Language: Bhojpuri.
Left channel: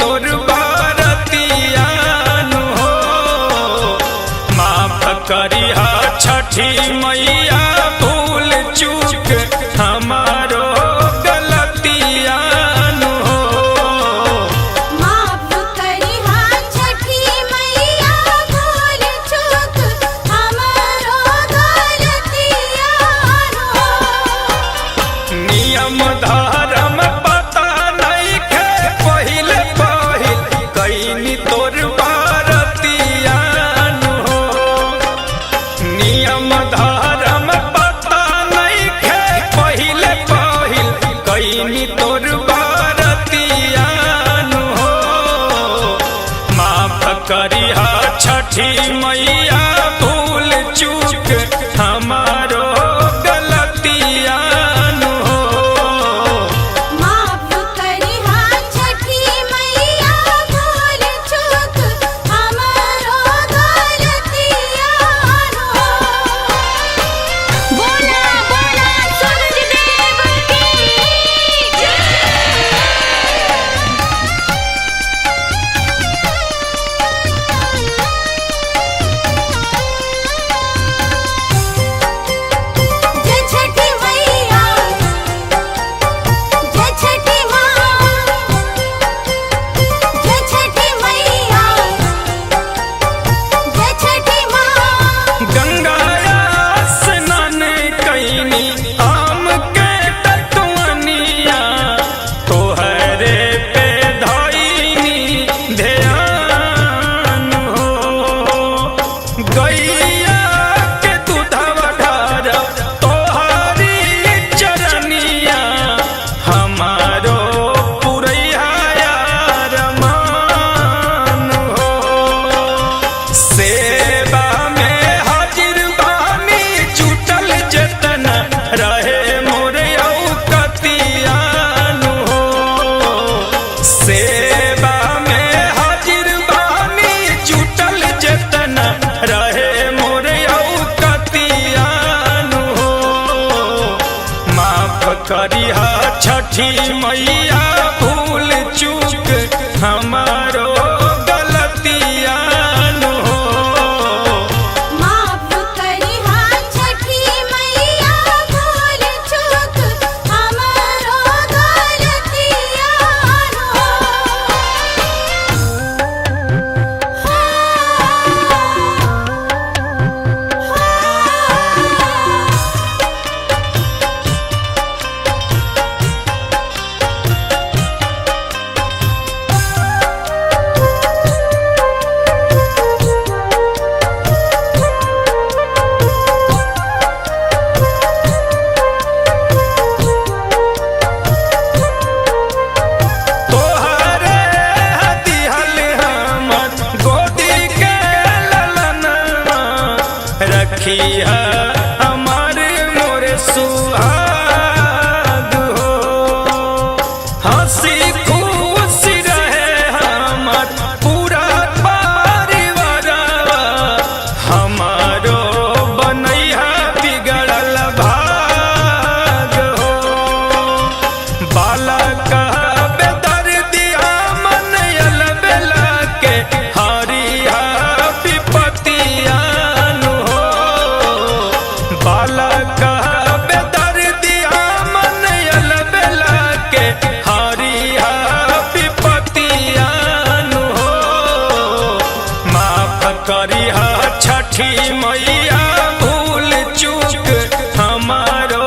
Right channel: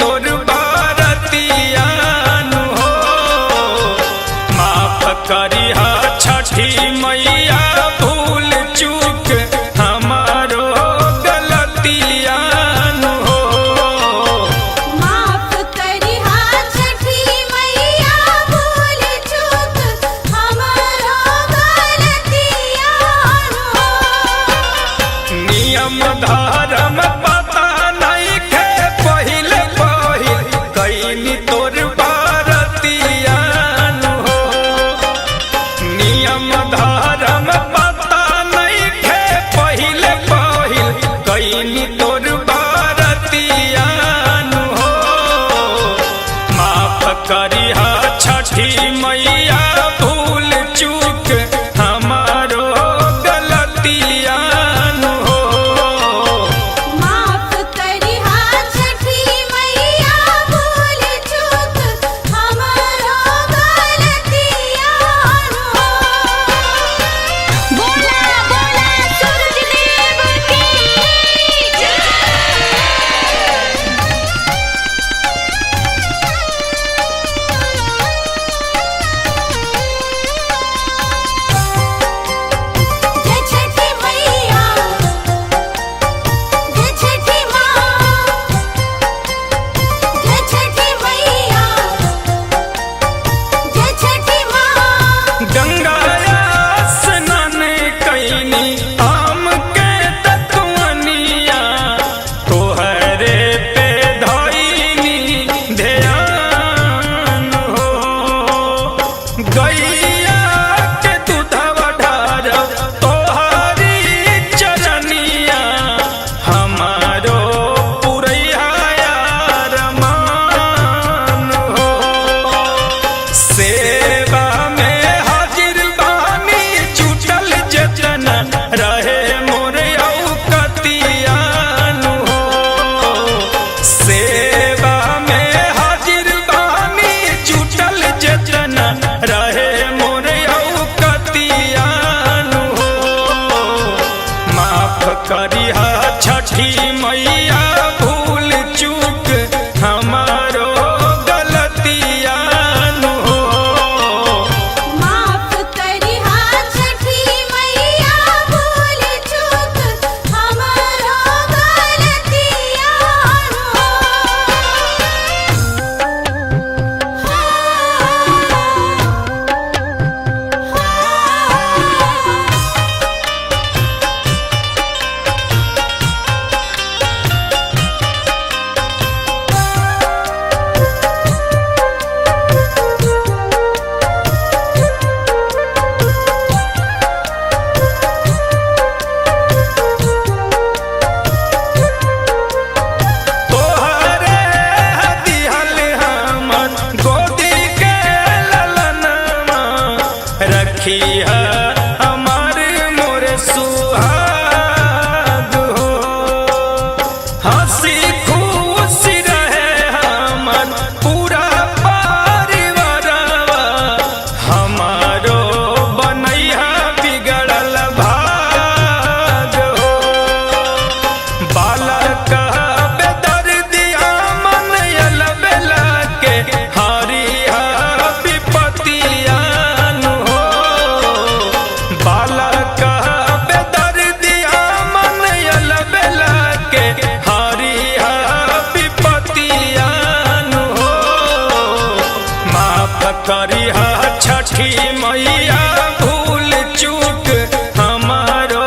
तोर बारतियानु हो। माफ करिहा छठी मैया भूल चूक हमारो गलतियानु हो। माफ करिहा छठी मैया भूल चूक हमारो गलतियानु हो। नियम धर्म पता नहीं खे पहिल पहिल कैनी तोर बारतियानु हो। नियम धर्म पता नहीं खे पहिल पहिल कैनी तोर बारतियानु हो। माफ करिहा छठी मैया भूल चूक हमारो गलतियानु हो। माफ करिहा छठी मैया भूल चूक हमारो गलतियानु हो। बोला बोला सूरज देव की जय। जय छठी मैया, जय छठी माँ, जय छठी मैया, जय छठी माँ। गंगाया स्नान कैनी आम के तत्वनिया तोहरे पे धइनी ध्यान हो। गैया के दूधवा ढारब तोहरी चरनिया हमारो पुरैया रमान हो। सेवा में हाजिर बानी जुटल जतन रहे मोर औकतियानु हो। सेवा में हाजिर बानी जुटल जतन रहे मोर औकतियानु हो। माफ करिहा छठी मैया भूल चूक हमारो गलतियानु हो। माफ करिहा छठी मैया भूल चूक हमारो गलतियानु हो। तोहरे दिहल हमर गोदी के ललनमा रखिहा हमार मोर सुहाग हो। हंसी खुशी रहे हमर पूरा परिवारवा हमारो बनैहा बिगड़ल भाग हो। बालक बेदर्दिया मन अलबेला के हरिहा विपतियानु हो। बालक बेदर्दिया मन अलबेला के हरिहा विपतियानु हो। माफ करिहा छठी मैया भूल चूक हमारो